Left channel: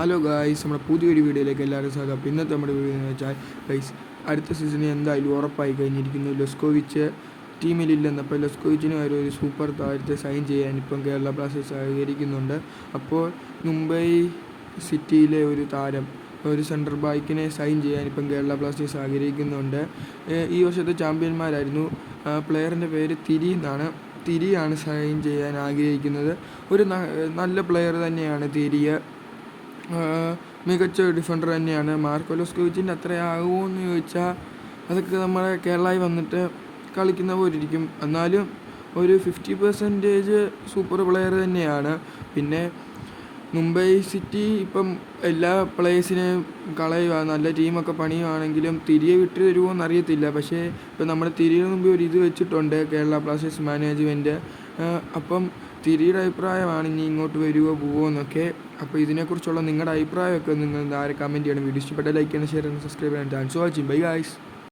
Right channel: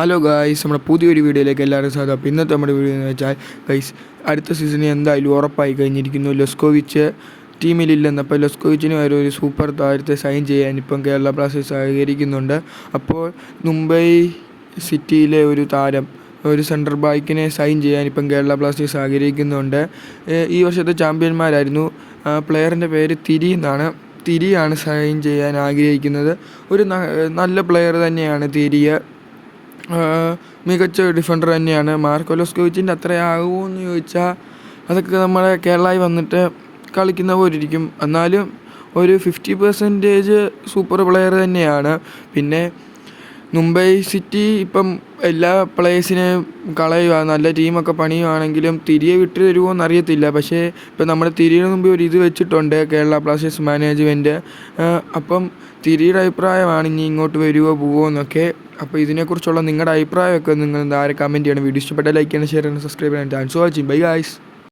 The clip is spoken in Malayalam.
ഹലോ ഗായ്സ് നമ്മുടെ പുതിയൊരു വീഡിയോയിലേക്ക് എല്ലാവരും സ്വാഗതം. അപ്പോൾ ഇന്നത്തെ നമ്മുടെ വീഡിയോ എന്ന് വെച്ചാൽ ഗൈസ് അടുത്ത സീസണിൽ എന്തായാലും ഉറപ്പായി കഴിഞ്ഞിരിക്കുന്നു. ലെസ്കോവിച്ച് ടീമിലില്ലെന്ന്. അപ്പോൾ ലെസ്കോവിച്ചിന് വരെ ഒരു സൂപ്പർ താരത്തെ സൈൻ ചെയ്യാൻ ഇപ്പം കേരള ബ്ലാസ്റ്റേഴ്സ് സഹകരിക്കുന്നുണ്ട്. അപ്പോൾ മുംബൈ സിറ്റിയിലെ ഒരു താരം ഒരു സെൻട്രൽ ബാക്കിനെ സൈൻ ചെയ്യാൻ ഇപ്പം കേരള ബ്ലാസ്റ്റേഴ്സ് ആഗ്രഹിക്കുന്നുണ്ട് ഈ വർഷത്തെ ചാമ്പ്യന്മാരായിരുന്നു. പ്ലെയറിന്റെ പേര് തിരി എന്നാണ്. തിരിയാണ് സൈൻ ചെയ്യാൻ ആഗ്രഹിക്കുന്നത്. ഒരു നല്ല പ്ലെയർ തന്നെയാണ് തിരിയ. മികച്ച ഡിഫൻഡർ തന്നെയാണ്. മാർക്കോ അത്ര അത്രയാകുമോ എന്ന് ചോദിച്ചാൽ അതൊക്കെ നമ്മളെ കേരളയിൽ വന്നിട്ട് കളിക്കുന്ന പോലെ ഇരിക്കും എന്നാലും ഒരു ഫിഫ്റ്റി പെർസെന്റേജ് സൂപ്പർ പ്ലെയർ തന്നെയാണ്. പിന്നെ മുംബൈ സിറ്റി ഇപ്പം എല്ലാ പ്ലേയേഴ്സിനെയും കളയുക നല്ല ടീമൊക്കെ പണിയുവാണെങ്കിലും തിരികെ വിട്ടു തരുമോ എന്നറിയത്തില്ല. പക്ഷേ ഇപ്പം നമ്മുടെ തിരിയുടെ മുമ്പ് ഒരു ഇത് വെച്ചിട്ടുണ്ട് കേരള ബ്ലാസ്റ്റേഴ്സ് മാനേജ്മെന്റ് അപ്പം തിരിയുടെ അഭിപ്രായമാണ് ഇനി ഇങ്ങോട്ട് വരുമോ പോവോ എന്നൊക്കെ. അപ്പോൾ ഇതിനെക്കുറിച്ചുള്ള നിങ്ങളുടെ അഭിപ്രായമൊക്കെ നിങ്ങൾ എന്താ കമന്റ് ചെയ്യണം. വീഡിയോ ഇഷ്ടപ്പെട്ട ലൈക്ക് ചെയ്യണം ഷെയർ ചെയ്യണം സബ്സ്ക്രൈബ് ചെയ്യണം. Thanks for watching bye guys